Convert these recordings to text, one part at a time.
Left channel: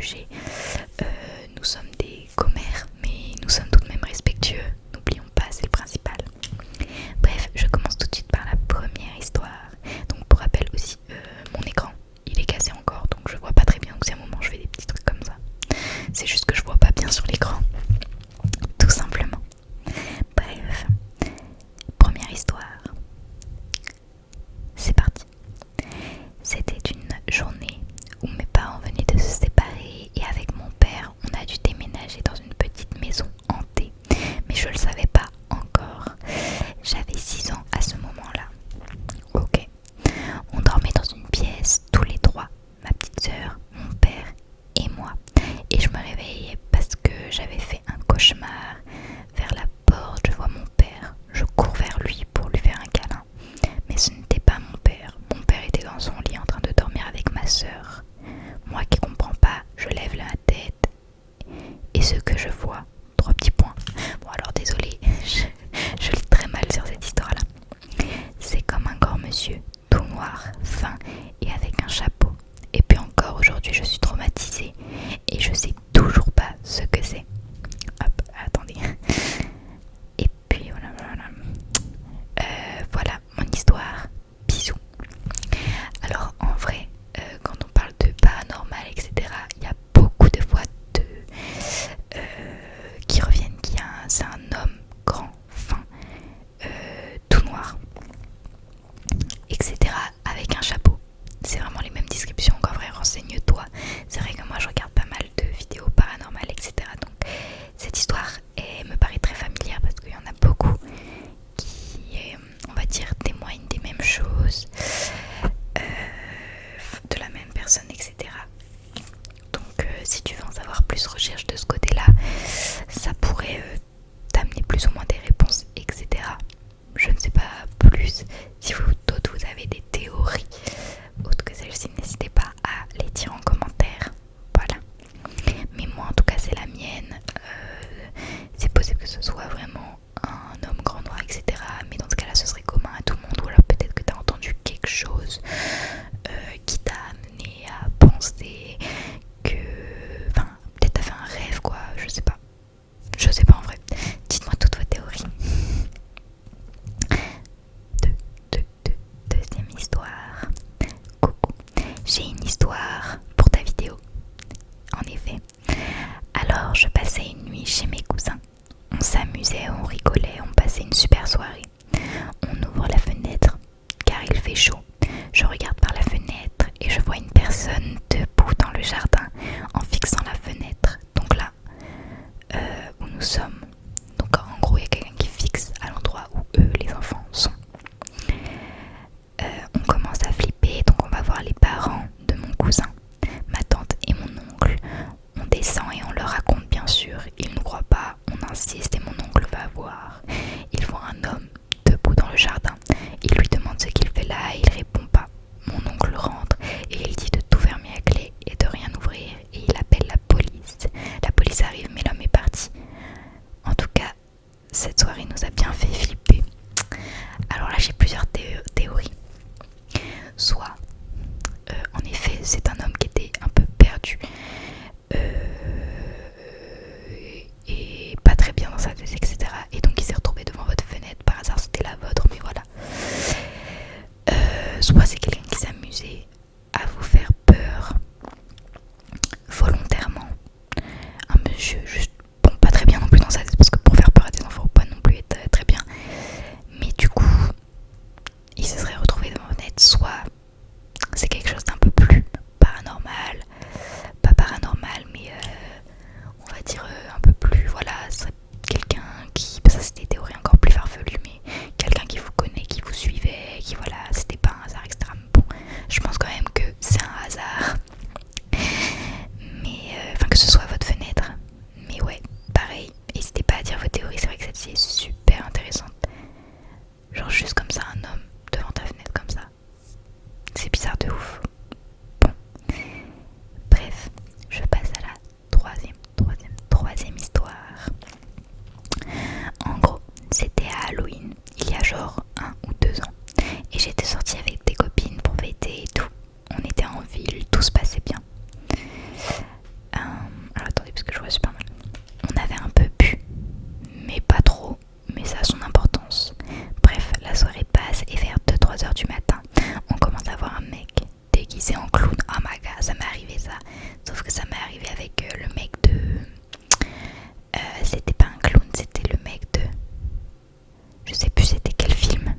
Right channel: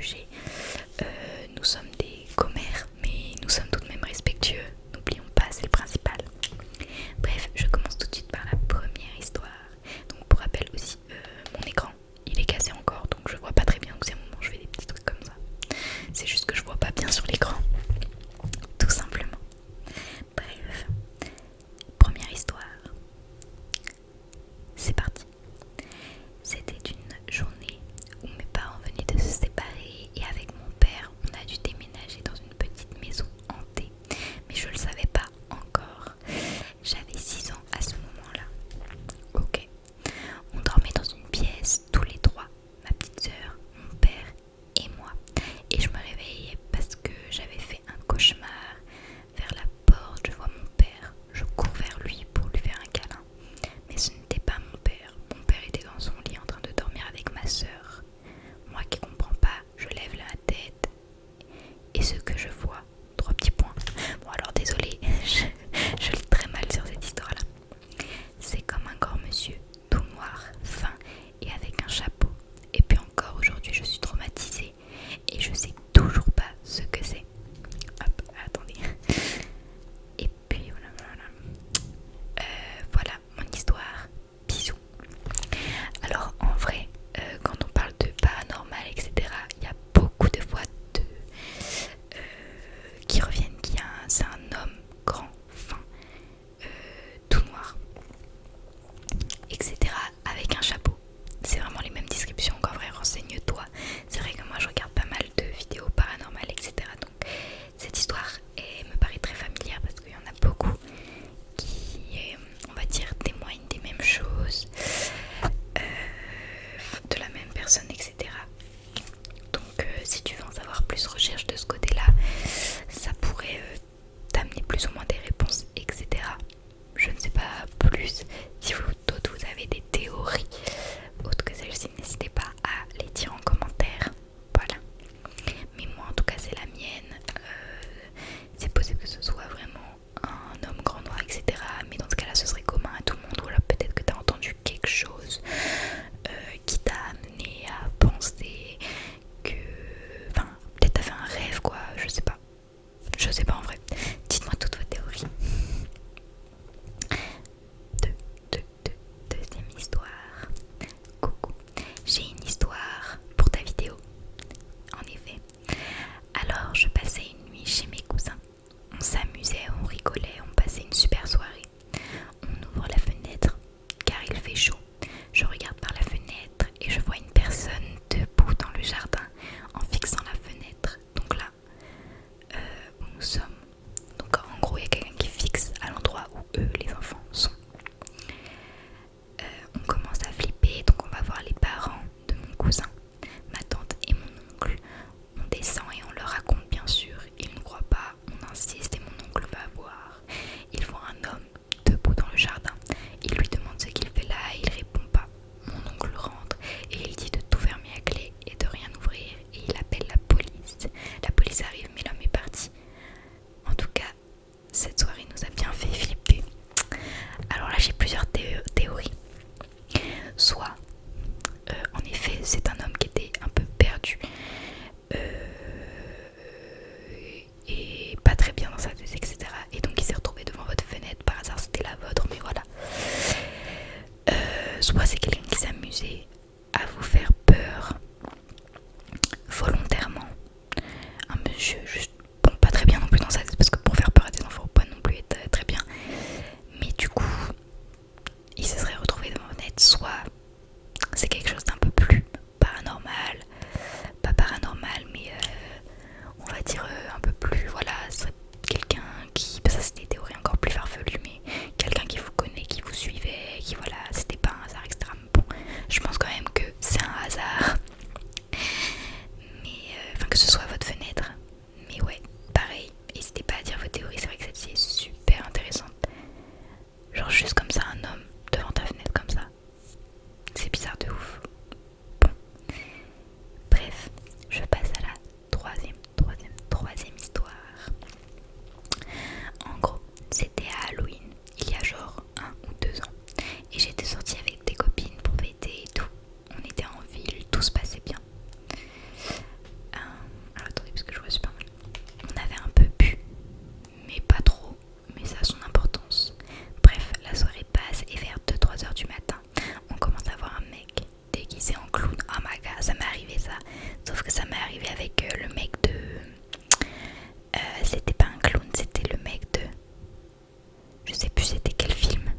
juger. Nous sommes des commères, mais nous sommes tout de même respectueux. N'oublions pas, c'est le principal. Bref, je commence tout de suite par la première histoire. Donc pour rappel aussi, mon écran, il est cassé encore, donc je vois pas très bien. Donc c'est un moment, je fais des petits trucs comme ça. C'est juste que je vois pas bien sur l'écran, tout simplement. Bref, première histoire. C'est parti. C'était une journée où mes parents venaient de se séparer et avec mon père, on a dû déménager dans une petite maison hantée. Mais je le savais pas encore. J'avais 6 ans à ce moment-là. Ok. On dormait dans une pièce, tous les trois, ma petite sœur, mon père et moi. Et je me réveillais parce que j'avais fait un cauchemar. Vers la porte, je vois mon père. Je cours vers lui pour lui faire un câlin. Mais ce n'était pas mon père. Mon père était dans son lit en train de dormir avec ma sœur. Moi qui comprends pas, je lève la tête. Et ce que je vois, 3 petits points. Bon alors désolé, je lis très mal sur cette histoire-là. C'est comme un grand monsieur, tout noir, fin et avec un chapeau. Et puis encore aujourd'hui je suis traumatisée et je sais toujours pas ce que c'est. Hop, attendez. Et puis voilà. Voilà mon histoire. Bisous. Alors en vrai, quand on parle de paranormal, etc., il y a beaucoup de fois qui reviennent. C'est un homme grand, fin, tout noir, etc., avec un chapeau. C'est vraiment les mêmes descriptions. En vrai, renseigne-toi. C'est vrai que moi je regarde pas mal de vidéos paranormales, etc. Donc cette histoire me paraît très familière parce qu'il y en a beaucoup qui, on va dire, témoignent des mêmes choses, de la même personne, etc. Donc si tu veux en savoir plus, recherche de ce côté-là. Ça pourrait t'amener plus ou moins des réponses, etc. Je ne sais pas plus. Si vous d'autres vous avez des théories autres que celle-ci, n'hésitez pas à les dire en commentaire. Voilà. Mais moi en tout cas c'est la mienne. C'est possible que ce soit vraiment un homme grand noir, etc. Mais dans ce cas là ce serait commun à tout le monde. Ou alors peut-être que tu as entendu quelque chose qui t'a amené à penser que... Enfin peut-être t'as fait un rêve quoi, je sais pas. Je sais pas en vrai. Dites-moi toutes vos théories. Deuxième histoire. Coucou. J'ai une histoire pour ta vidéo. En effet. Alors je passais une nuit chez mes cousins. On s'amusait, on rigolait, on passait une super soirée. On ouvre la fenêtre car il fait chaud. Je regarde par la fenêtre et je vois une personne debout dans le jardin en fixant la fenêtre. Donc là, où nous sommes. Donc en gros il y a quelqu'un qui fixe à l'endroit où eux les enfants sont. On commence à flipper, donc on va voir les parents de mon cousin, ma tante et mon oncle. On descend et on leur raconte bien sûr. Ils ne croient pas, on insiste et mon oncle va voir. Il voit un homme debout dans le jardin. Il lui demande ce qu'il fait là et il répond pas. Mon oncle rentre et il dit de tout fermer à clé et de rien ouvrir et il appelle la police. La police arrive mais l'homme est parti. En tout cas, cette soirée nous a bien fait flipper. Alors là j'ai plusieurs théories. Soit, en effet, c'est un homme qui était un peu perdu et pas très bien dans sa tête, etc. Et donc il s'est retrouvé devant votre fenêtre. Par hasard c'était la vôtre, mais voilà. Soit c'est quelqu'un qui s'amusait à vous faire peur volontairement. Un monsieur juste, bon, pas très bien non plus dans sa tête, parce que pour faire peur à des enfants, faut pas non plus être très bien. Mais du coup, il se serait retrouvé devant votre fenêtre. Soit c'est quelque chose d'un peu plus paranormal, pas paranormal, mais on va dire un peu plus, voilà, ce serait quelqu'un qui, ça c'est des théories encore plus farfelues, mais quelqu'un qui vous connaît, qui vous suivait, qui voilà, c'était pas un hasard, etc. Bon, je pense quand même que c'est un hasard, mais enfin que ce soit à votre fenêtre, mais arrivé avec le mec de... c'était pas un clown, c'était le mec de... Je sais plus c'était quel film.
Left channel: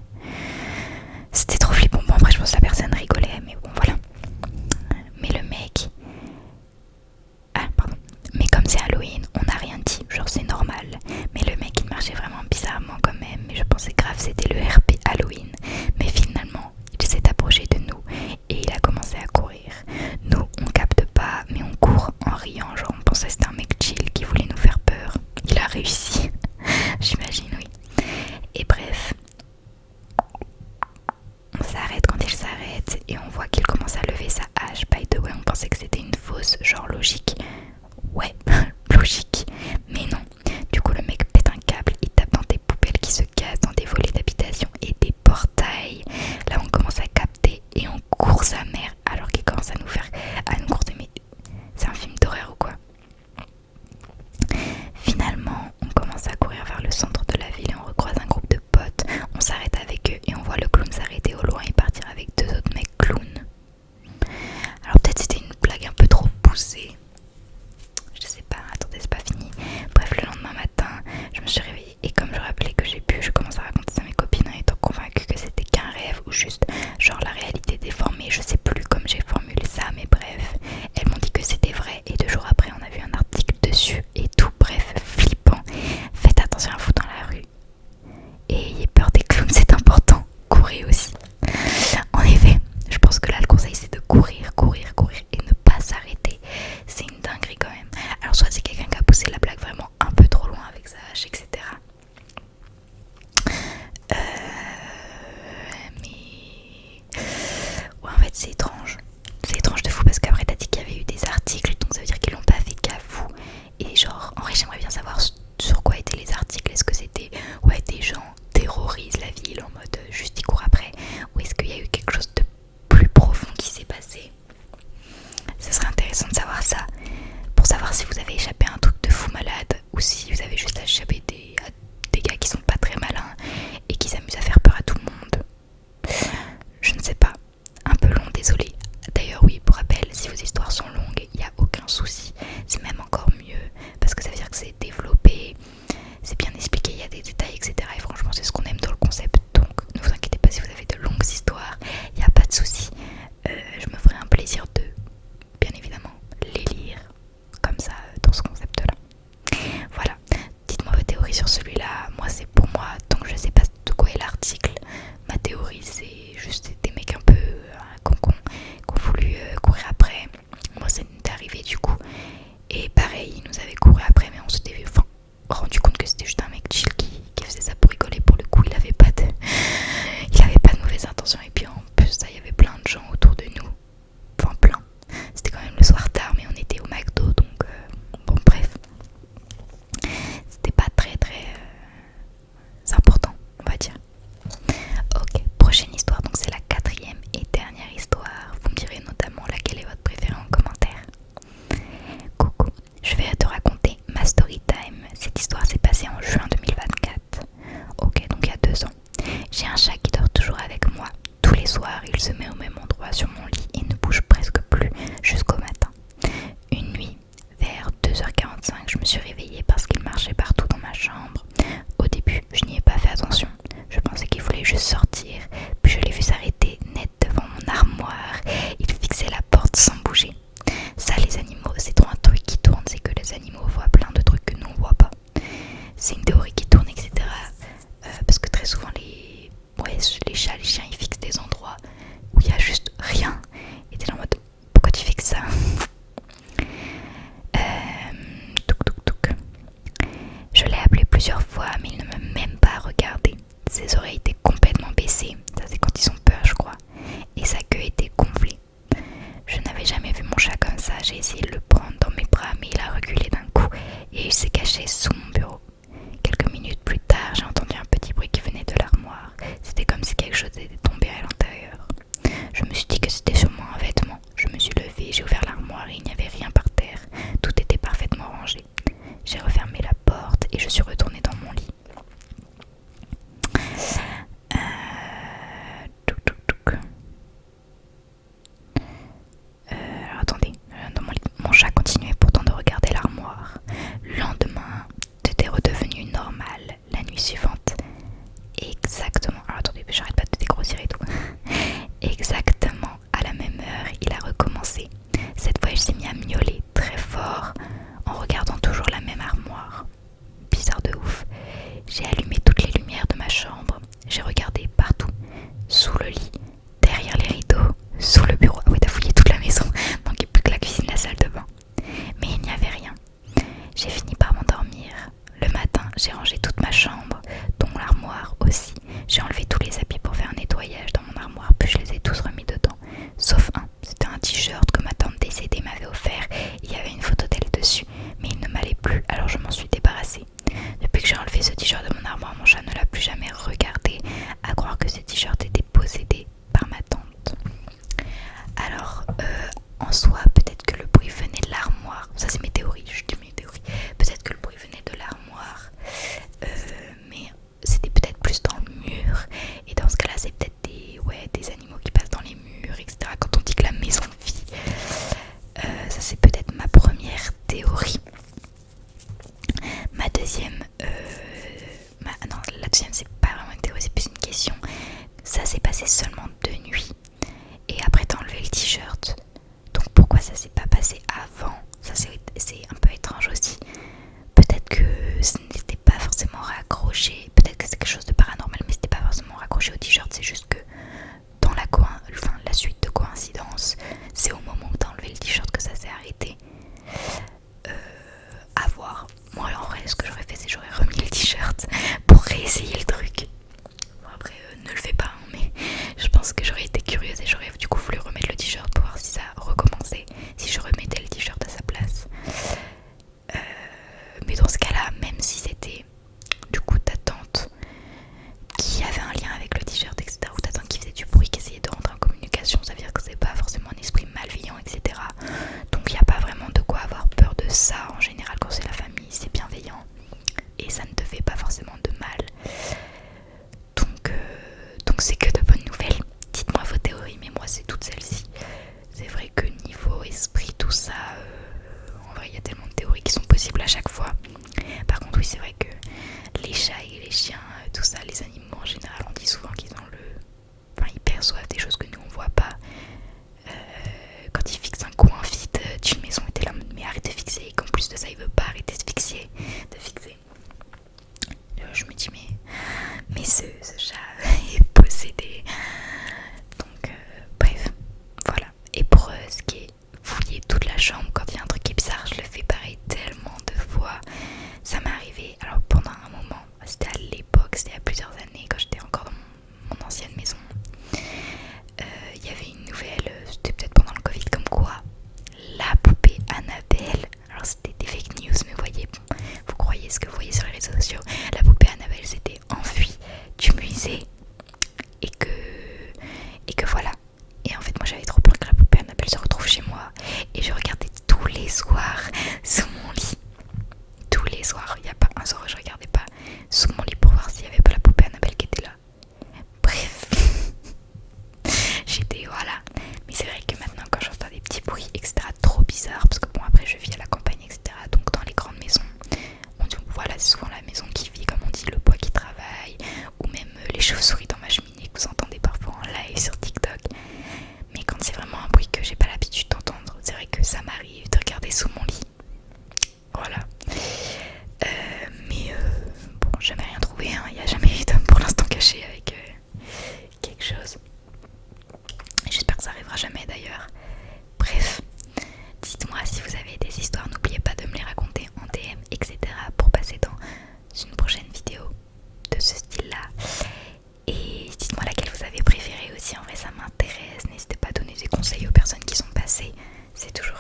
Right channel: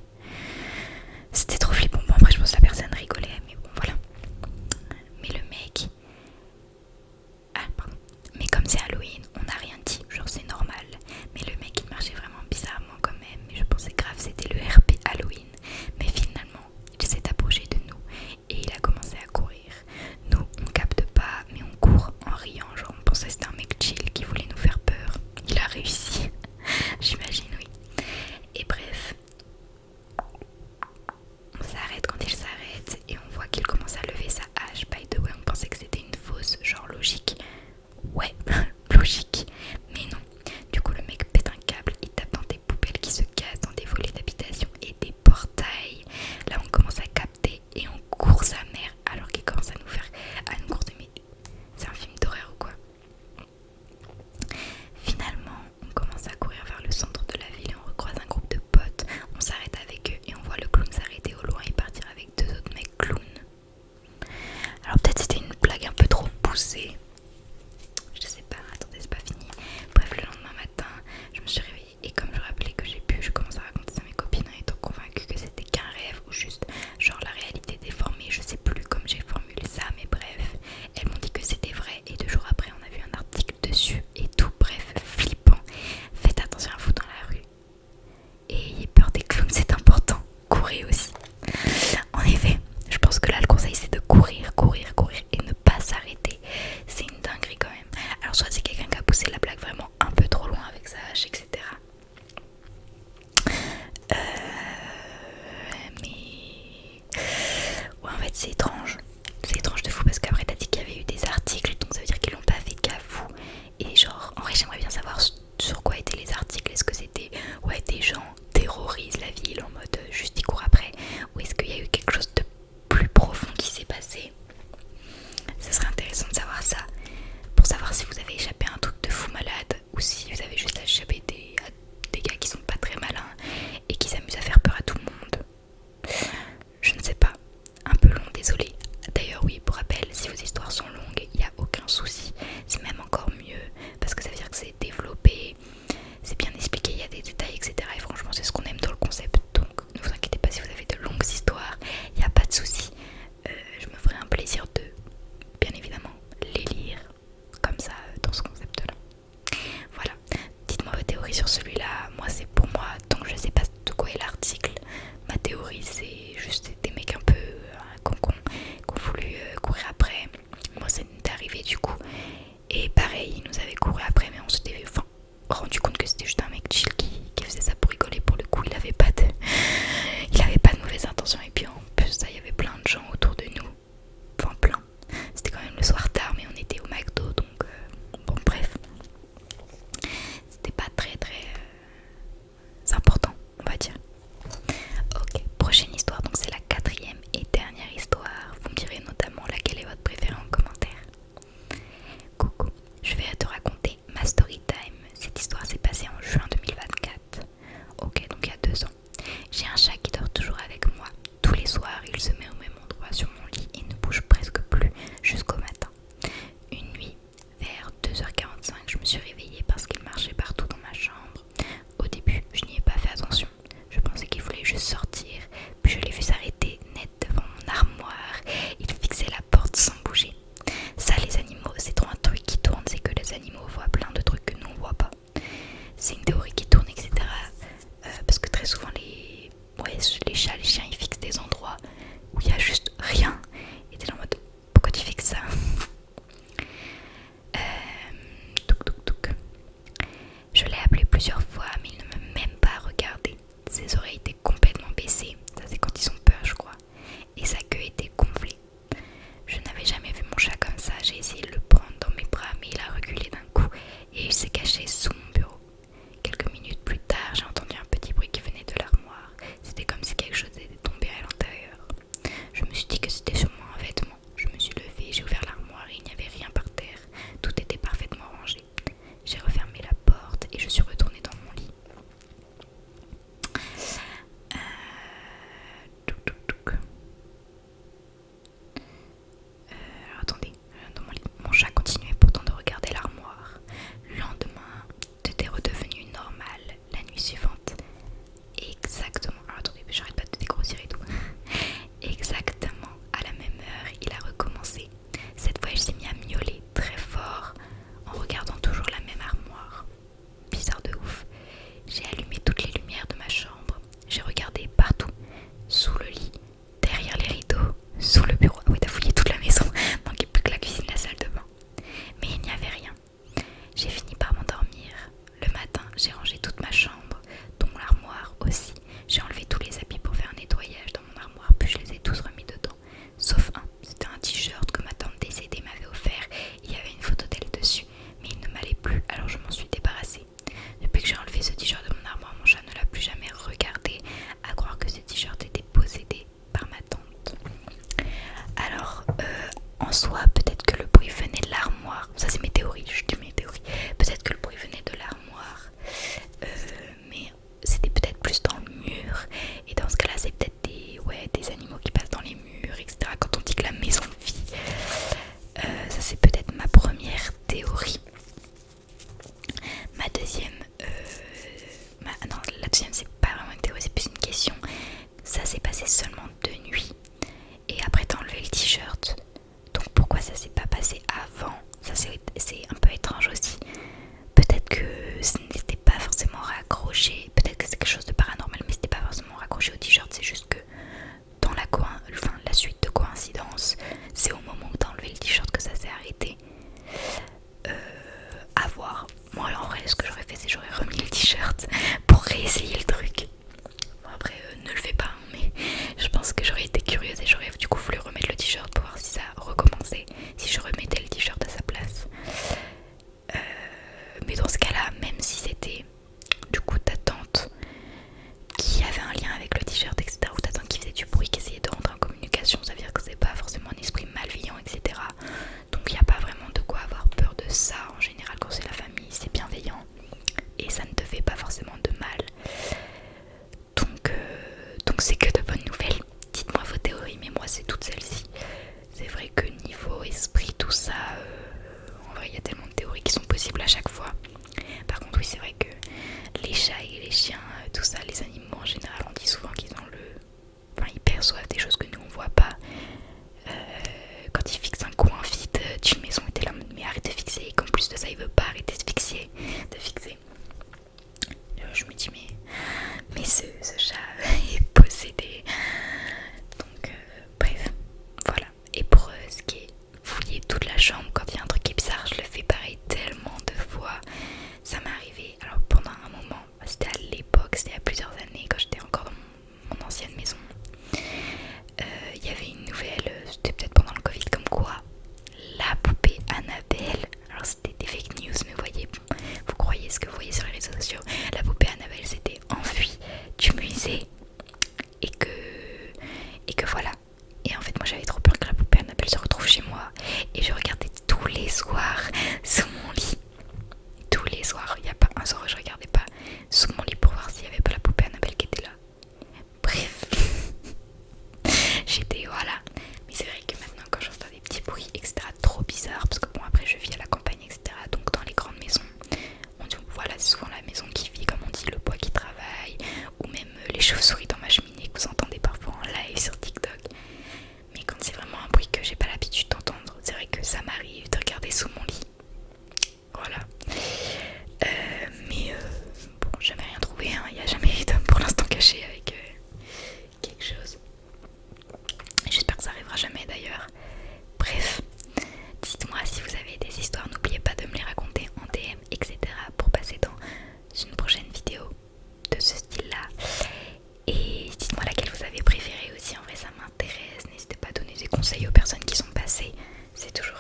C'était trop flippant. Bon après je pense que la personne rigolait, mais bon voilà. Mais le mec... Ah pardon. Mais comme c'est Halloween, on n'a rien dit, genre c'est normal. Mais le mec il marchait vraiment bizarrement quand même. Mais je pensais grave c'était le RP Halloween. Mais finalement, il s'est approché de nous et il a commencé à courir. Nous on capte pas, mais on court en riant. Genre on pensait que c'était un mec chill qui voulait nous faire peur. Il a réussi. J'imagine, oui. Et bref, on s'arrête quand il s'arrête et on voit qu'il commence à lever sa hache. By the way, on pensait que c'était une fausse, genre logique. Ouais, logique. Mais non. Du coup, le mec pète un câble, il tape dans des poubelles qui se cassent, dans des volets d'habitation et des portails. Là, on commence à capter et on court sa mère alors qu'il commence à nous courser. Mais c'est un film d'horreur ou quoi? Finalement, on commence à courir vers le centre de la ville et on recroise un groupe de potes. On s'arrête avec eux et on voit le clown s'arrêter au loin et partir avec deux autres mecs clowns. Alors peut-être c'était une blague un peu trop poussée. Je sais pas, attendez, c'est pas fini. Bref, le lendemain matin, je me suis réveillée et comme je rappelais que j'ai pu, je commence à raconter ça à mes copines en étant convaincue que c'était qu'un rêve ou juste genre la réalité déformée. Je sais plus comme j'ai formulé ça, mais bref, elles m'ont dit que c'était vrai et 2 jours après, on a vu un article dessus et tout. Bref, flippant. Faites attention à vous dans la rue. Et ayez peur des clowns, c'est important. Courez aussi. En effet, je pense que là le conseil c'est de courir, courir, courir et ne pas s'arrêter. C'est une dinguerie quand même. Alors soit c'est quelqu'un qui a poussé la blague vraiment un peu trop loin avec sa hache, etc. Mais... Ouais, en fait c'est étrange. C'est étrange de fou parce qu'après t'as dit qu'il y avait eu des articles, donc ça veut dire qu'ils l'ont pas fait qu'à vous. Et genre, en vrai j'aimerais bien savoir sur quoi étaient les articles. Est-ce que c'était, ouais, des gens terrorisent la ville en mode juste ils courent après, ou est-ce qu'il y a eu quelque chose de plus profond qui s'est passé? Ce serait intéressant de savoir ça, pour savoir si vous avez échappé à un truc de fou malade ou si vous avez juste échappé à des gars qui sont pas très malins et qui s'amusent à faire peur à tout le monde. Je ne sais pas, un peu long, désolé. D'ailleurs oui, pour rappel, si vos histoires sont longues, il n'y a aucun souci, c'est même encore mieux parce que ça veut dire que c'est développé, c'est bien expliqué, il y a des détails, etc. Et franchement c'est ce qu'on aime dans le concept, donc ne vous inquiétez pas si vous avez de longues histoires, il n'y a pas de souci. Je me ferai un plaisir de, bien évidemment, les lire comme ça dans ce concept là. Voilà, dites-moi vos théories sur celui-là. Moi c'est pour moi, donc je sais pas de quoi est l'article, ma théorie c'est juste des mecs un peu concons qui ont voulu courir après. Moi ça m'est arrivé du coup, et pareil ils nous avaient couru après mais on s'était rendu compte que c'était juste un mec chill qui faisait ça pour rigoler. Pour le coup il avait pas de mauvaises intentions et puis en plus ça, il y avait plein de gens autour de nous, enfin plein, c'était quand même le soir tard mais on était au McDo donc bon bref, c'était pas très important on va dire. Ok, prochaine histoire, donc c'est la 4e et dernière histoire. Vous me direz notamment laquelle est votre préférée en commentaire. Coucou, je vais te raconter ma story time. Cette histoire s'est passée en juin 2024. Ok, donc il y a 2 ans. J'ai un chat qui dort toujours avec moi. Tous les soirs, il se met au même endroit sur mon lit et ne bouge presque plus jusqu'au matin. Une nuit, vers 2h45, je me suis réveillée parce qu'il marchait partout dans ma chambre. Au début, je n'y ai pas fait attention. Je pensais qu'il voulait juste sortir, puis je l'ai vu s'arrêter net devant mon armoire. Il fixait la porte sans bouger. Ça, les animaux, c'est trop un truc qui tourne, c'est que les animaux voient plein de trucs que nous on voit pas. C'est une théorie qui tourne, etc. Parce que très souvent les chats, les chiens, ils fixent des endroits où il y a juste rien. Et t'es là en mode, pourquoi tu fixes ça? Je l'ai appelé plusieurs fois, mais il ne m'a même pas regardé. Ses oreilles étaient complètement baissées, ça c'est quand ils ont peur je crois, et sa queue était gonflée. Je n'avais jamais vu mon chat comme ça, j'ai essayé de le prendre dans mes bras mais il a reculé d'un coup et il s'est caché sous mon bureau. Quelques minutes plus tard, j'ai entendu un petit bruit qui venait de l'armoire. C'était comme si quelque chose était tombé à l'intérieur. Je me suis dit que c'était sûrement un vêtement. Je me suis levée, j'ai ouvert l'armoire et il n'y avait rien par terre. Tout était parfaitement rangé. J'ai refermé la porte et je suis retournée dans mon lit. Alors attendez, dans mon lit, mon chat continuait ça en général quand c'est la famille, c'est bienveillant et ça ne te fait pas forcément de mal. Donc c'est que de bonnes nouvelles. Dites-moi vos théories, mais moi c'est toutes celles-ci. C'est vrai que niveau esprit, tout ça, en vrai il y a tellement de théories qui sont possibles à chaque fois. Par contre oui, c'est vrai que les chats et les chiens, tout ça, les animaux en général, on dit souvent qu'ils ont ils perçoivent des choses que nous on voit pas. Quand ils fixent un coin vide d'une maison, et t'es là, mais arrête de fixer, et qu'en plus de ça il veut pas arrêter de fixer. Je me dis mais ce chat est possédé. Donc bref, voilà. Et pour ce qui est fouiller toute la chambre quand il y a un truc qui est bizarre, je le fais pareil tellement de fois. Ça m'est arrivé, alors pendant un moment, c'était à l'époque, c'était il y a plusieurs années quand j'étais encore dans mon ancienne maison. Il y avait une nouvelle, c'était peut-être pendant le Covid, comme quoi la poupée Annabelle, alors c'était des fake news, mais voyez, vous croyez ce que vous voyez sur les réseaux sociaux, la poupée Annabelle s'était enfuie du musée et que voilà. Et en fait moi j'avais trop peur que la poupée Annabelle se retrouve chez moi et je regardais tous les soirs sous mon lit. Tous les soirs, il n'y a pas un soir où je regardais pas sous mon lit pour voir s'il n'y avait pas la poupée Annabelle qui était là. Bref, j'étais voilà. Mais c'est vrai que maintenant quand j'entends des petits bruits etc, trop bizarres, parce que bon après je vis à la campagne etc, donc dans les grandes maisons, on dit voilà c'est souvent la maison qui vit comme on dit, le bois qui travaille, ou même les chauves-souris dans ma cheminée que vous entendez parfois en live sur TikTok. Mais quand c'est vraiment un bruit que j'ai pas l'habitude d'entendre, c'est vrai que ça m'arrive de regarder sous mon lit. Voilà. Mais bon, jamais rien trouvé, hein. Il n'y a jamais eu d'homme pour l'instant caché avec quelque chose. J'espère que ça arrivera jamais d'ailleurs. Bref, dites-moi si vous avez des histoires, n'oubliez pas de me les raconter en DM, etc. pour passer dans une prochaine vidéo de ce style-là. Et dites-moi laquelle vous avez préférée aussi, en vrai ça m'intéresse. N'hésitez pas à donner des conseils aux personnes qui sont passées, c'est toujours